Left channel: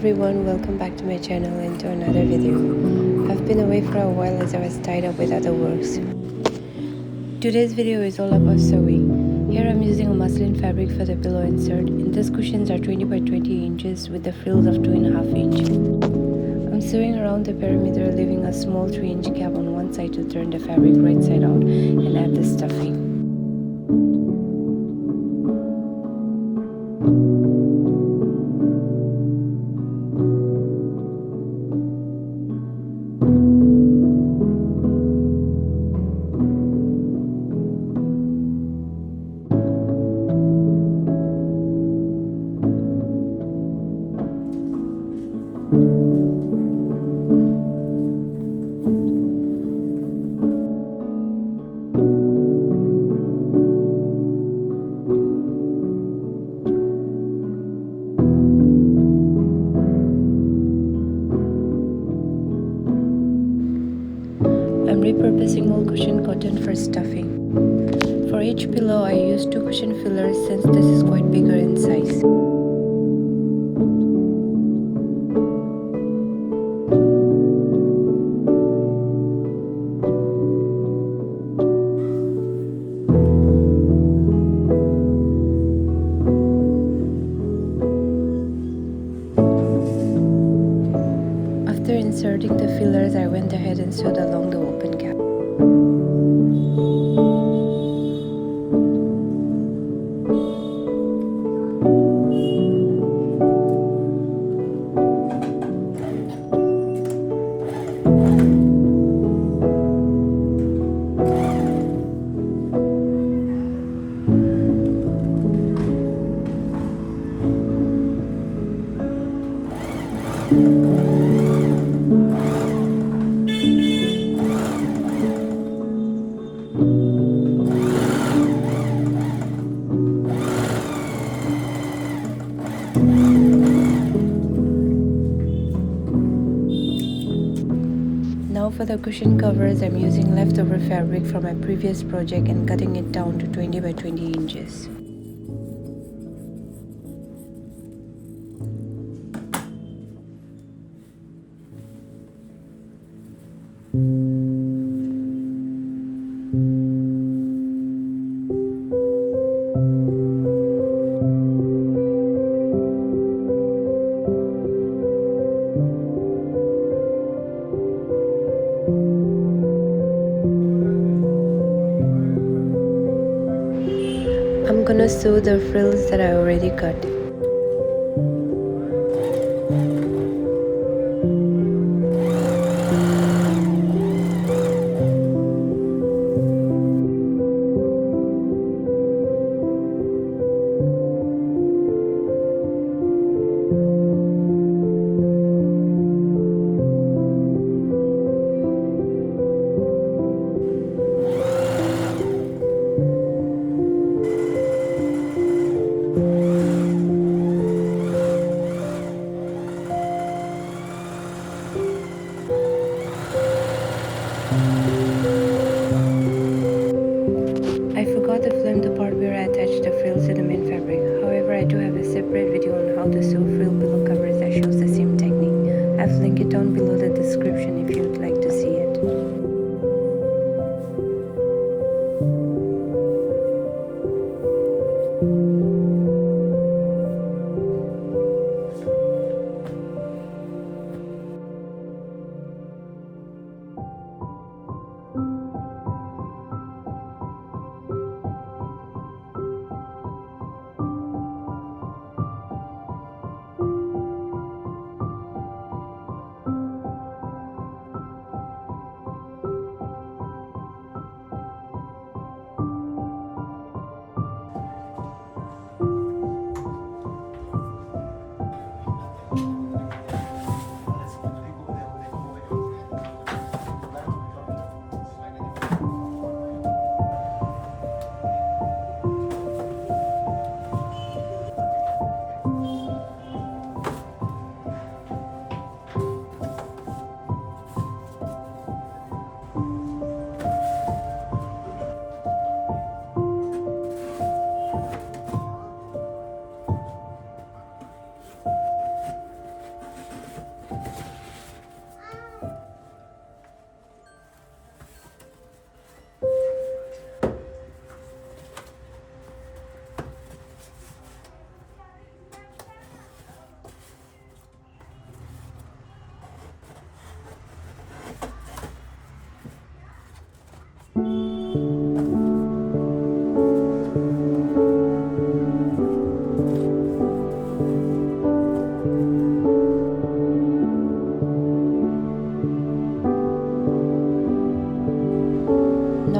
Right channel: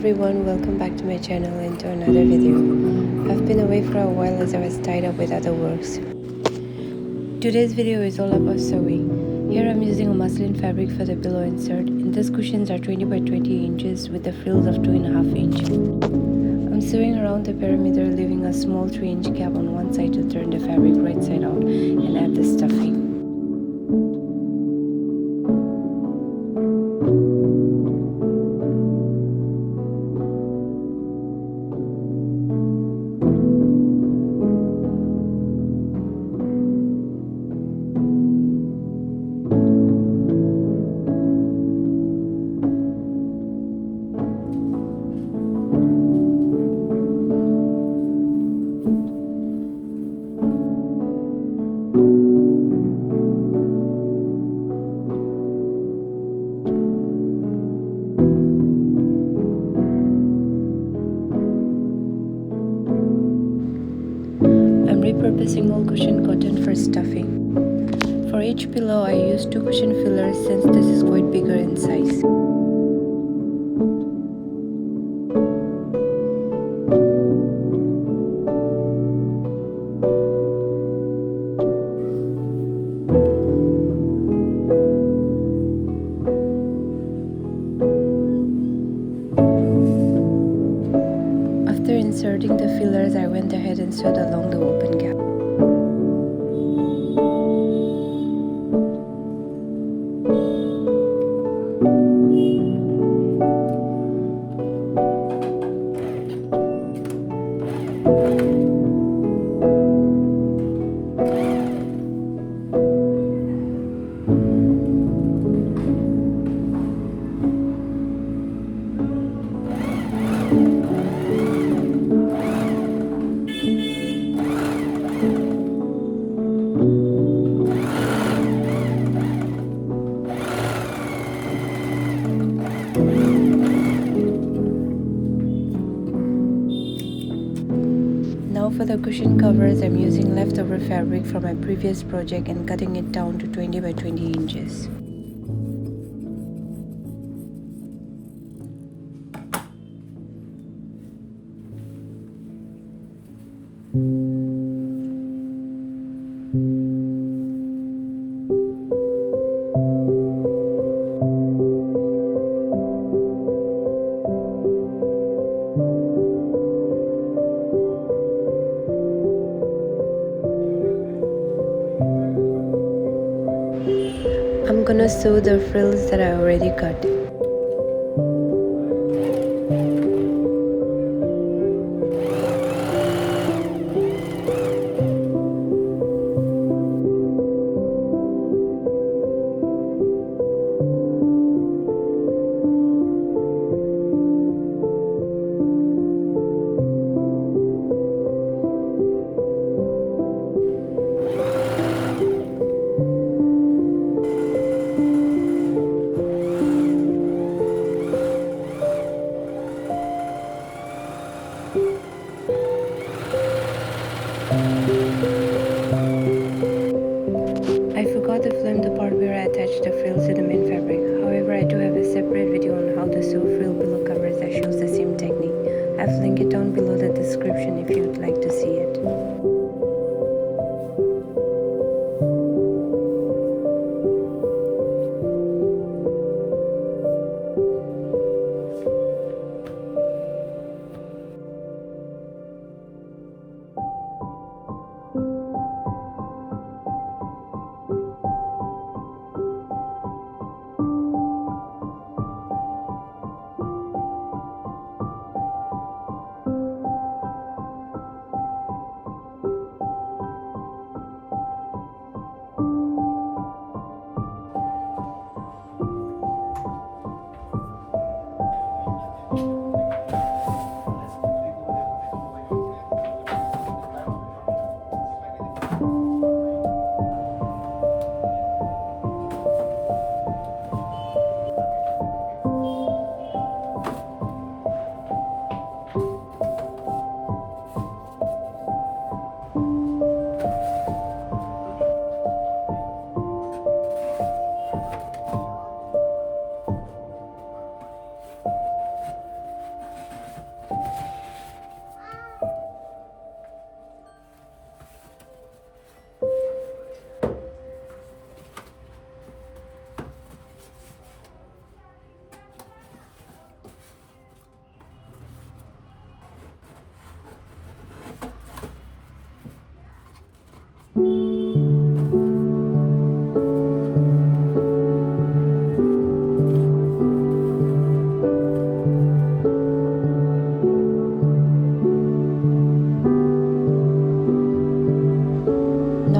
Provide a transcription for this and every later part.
everyone, welcome back to my channel and to another video. I've been away for a while as I was tied up with other works. Today's video is all about sewing. Here I'm using a muslin fabric for the pillow insert, and these cushions are 20 by 20 inches with the frills of 2.5 inch. I'm sewing around the perimeter, leaving a small 3-inch gap on one side to turn the fabric right side out and add the stuffing. I'm repurposing old cushion cotton for stuffing. For each pillow, I use 2 cushion fillers since this is quite bigger in size. After inserting the fillers, I went ahead and sewed along the open gap. Now for the cushion covers, I'm using leftover fabric from my previous project and cutting it down to 20 by 20 inches. I'm gonna sew the frills that I already cut. I forgot to film the part where I attached the frills to the main fabric. However, I do have a separate video on how to sew frill pillow covers that shows the same technique. I've linked it down below the description if you'd like to see it.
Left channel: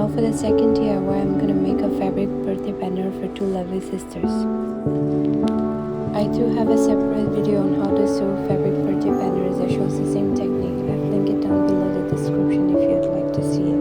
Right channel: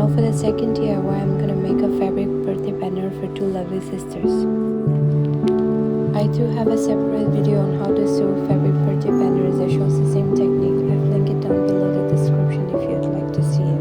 Now for the second DIY, I'm gonna make a fabric birthday banner for two lovely sisters. I do have a separate video on how to sew fabric birthday banners that shows the same technique. I've linked it down below the description if you'd like to see it.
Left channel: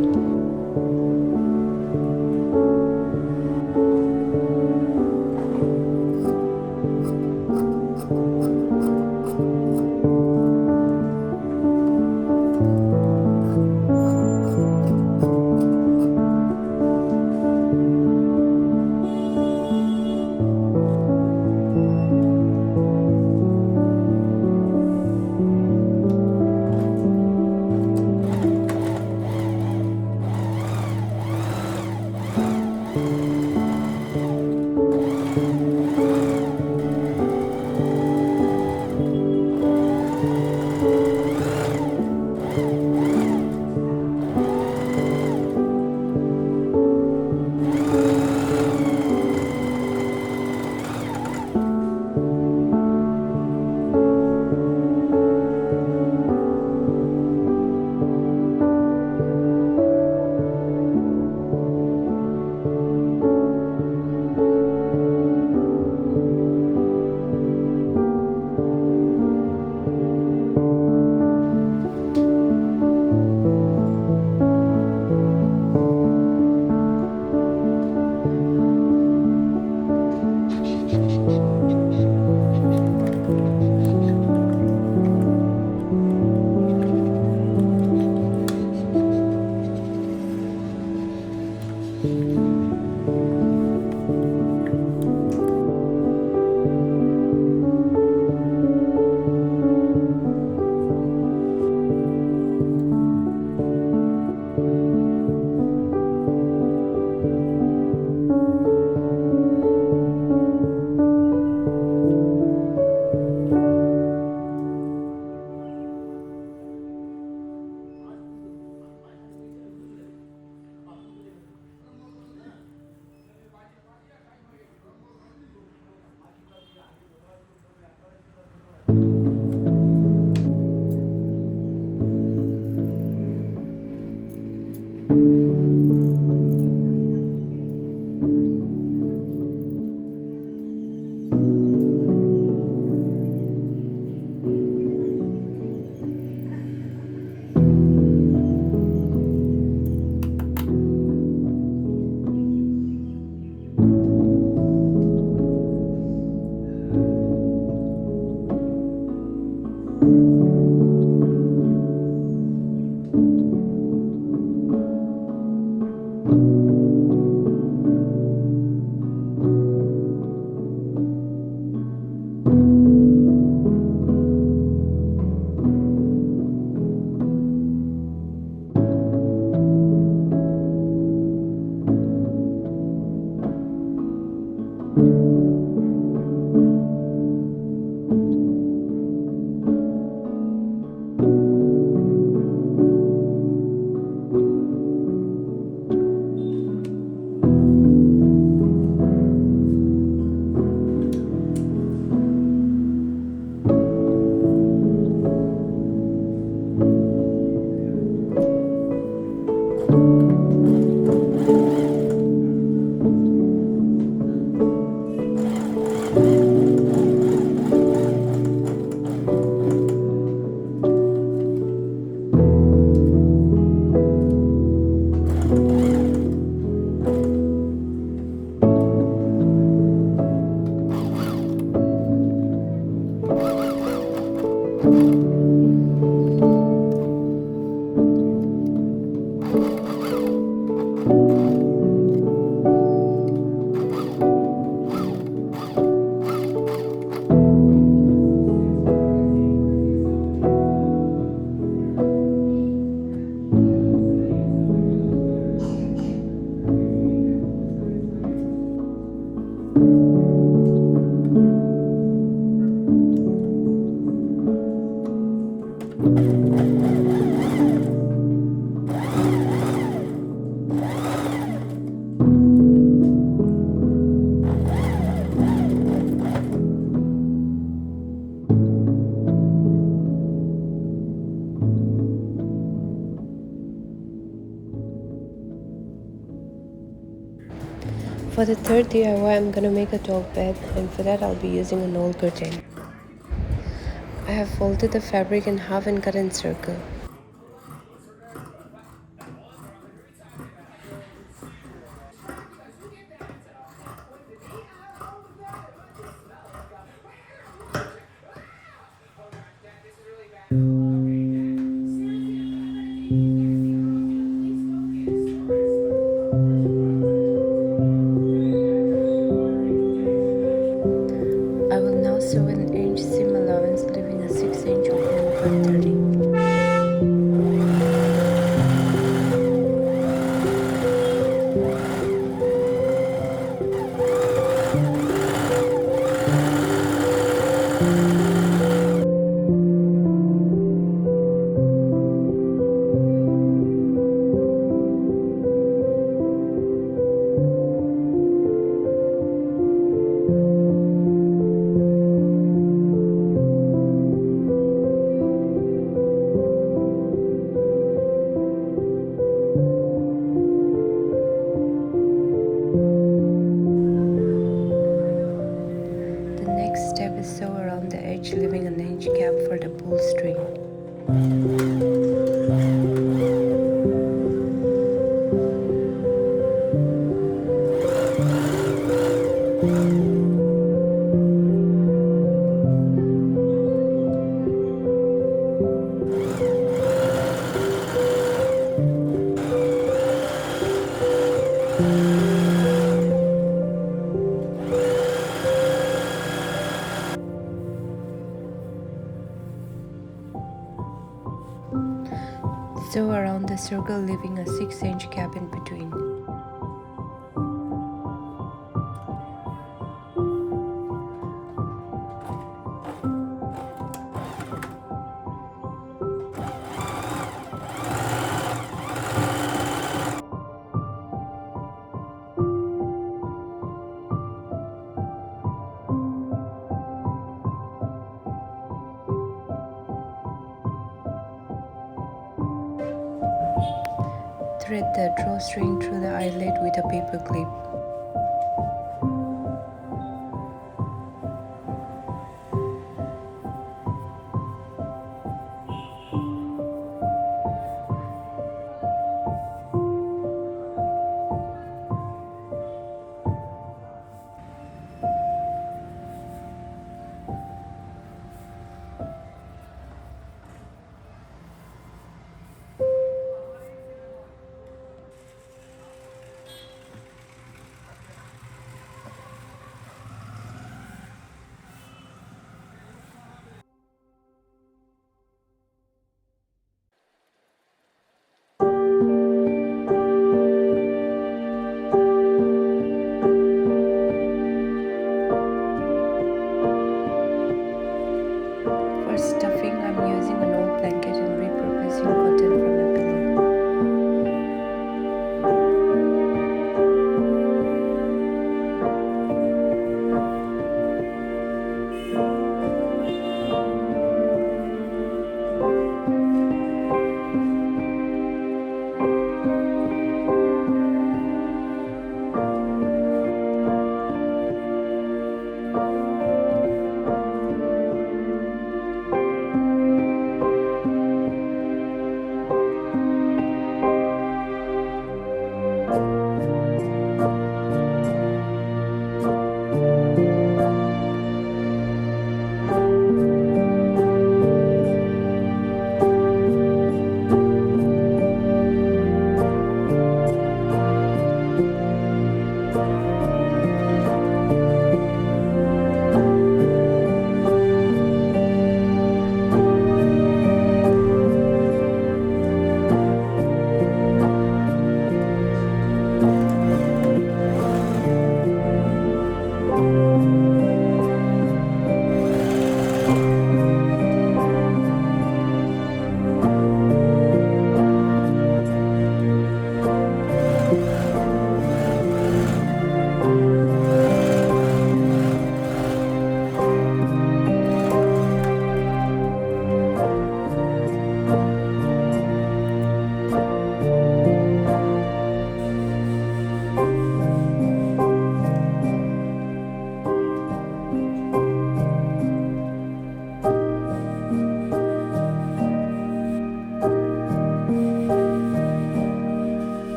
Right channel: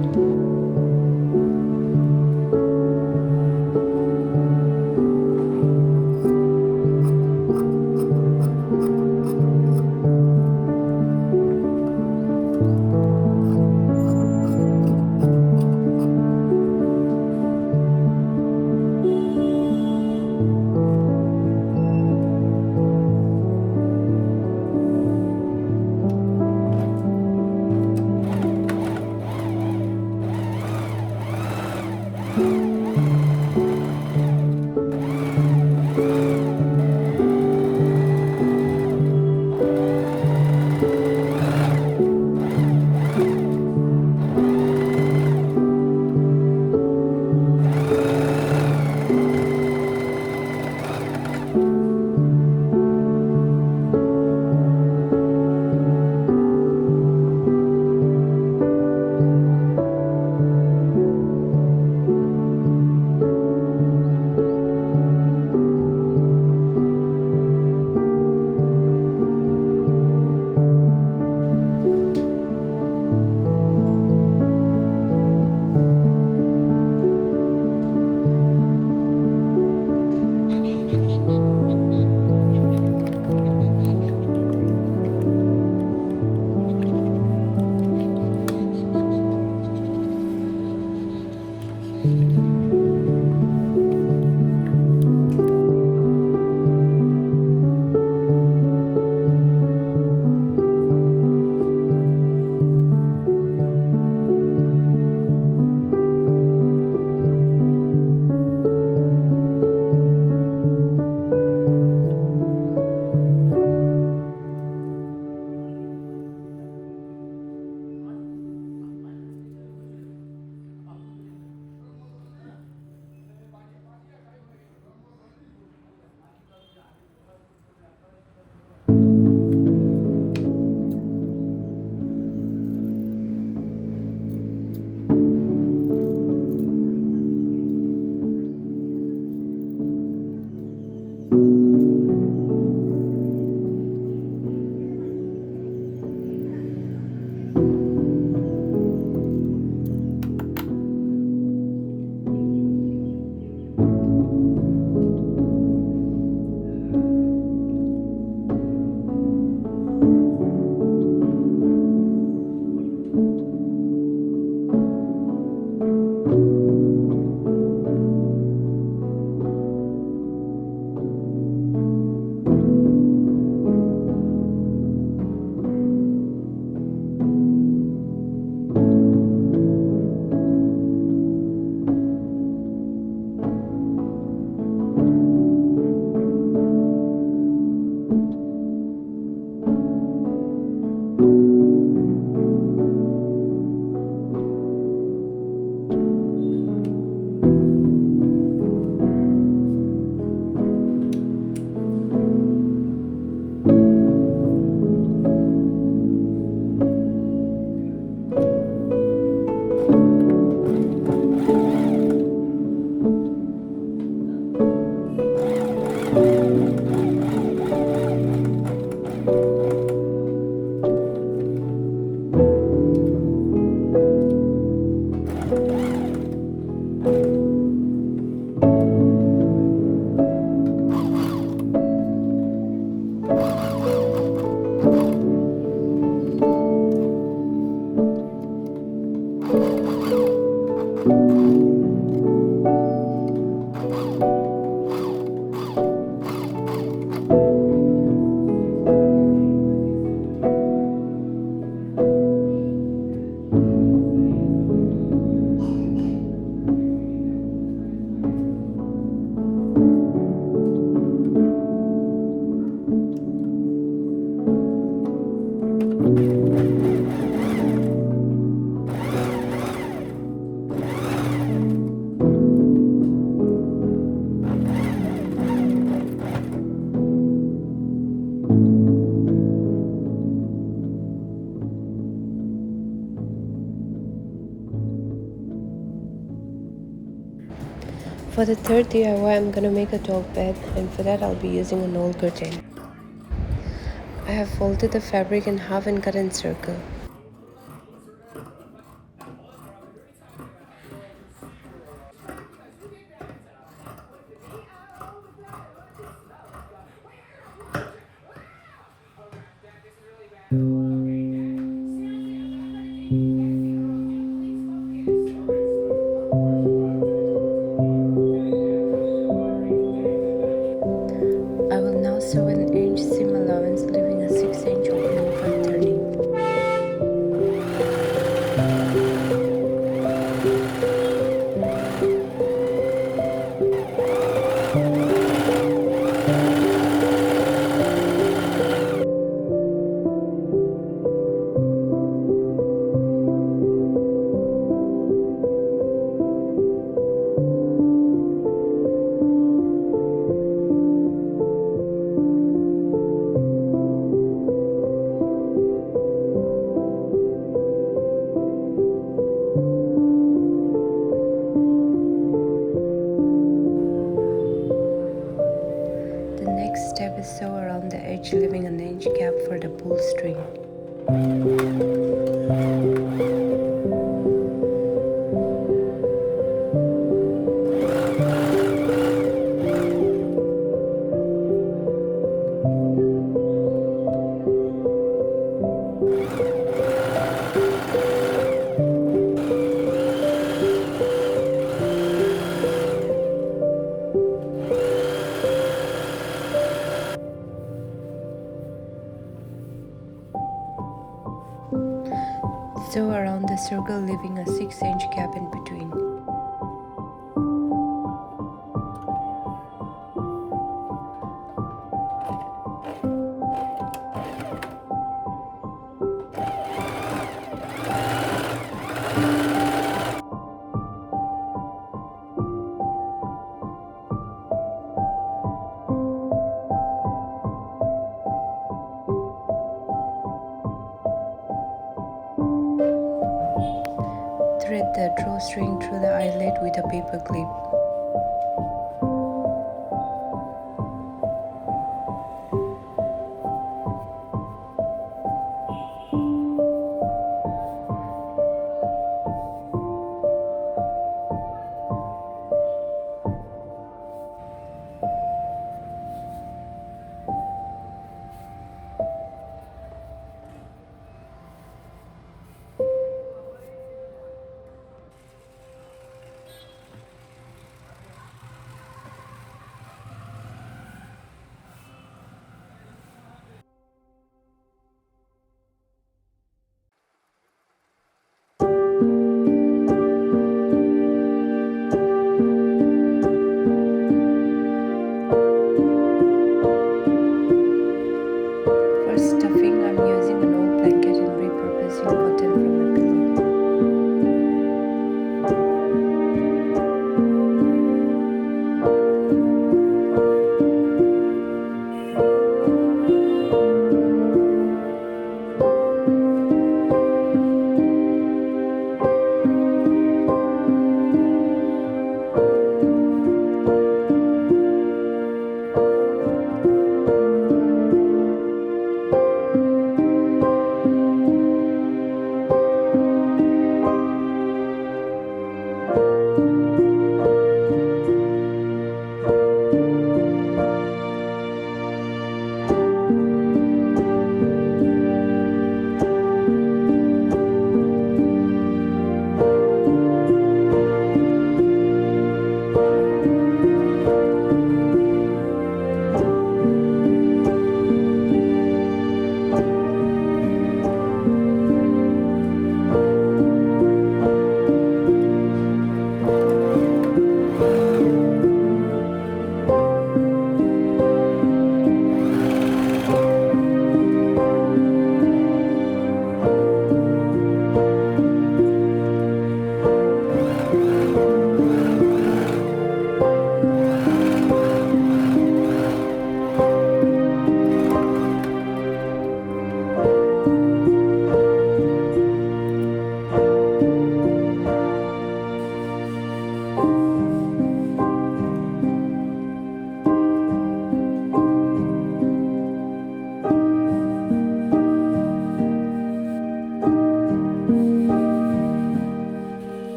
For the third DIY, I'm gonna make a dog bed, and for that I'll be using an old curtain. I have folded the fabric in half and cut in circle. I will now sew an inch seam allowance, leaving a 6-inch opening for turning. The next step is sew around the edge, leaving an inch gap for the pull string. Sew around the circle, leaving a 6-inch gap in between. Thread the drawstring through the eyelet with a paper clip.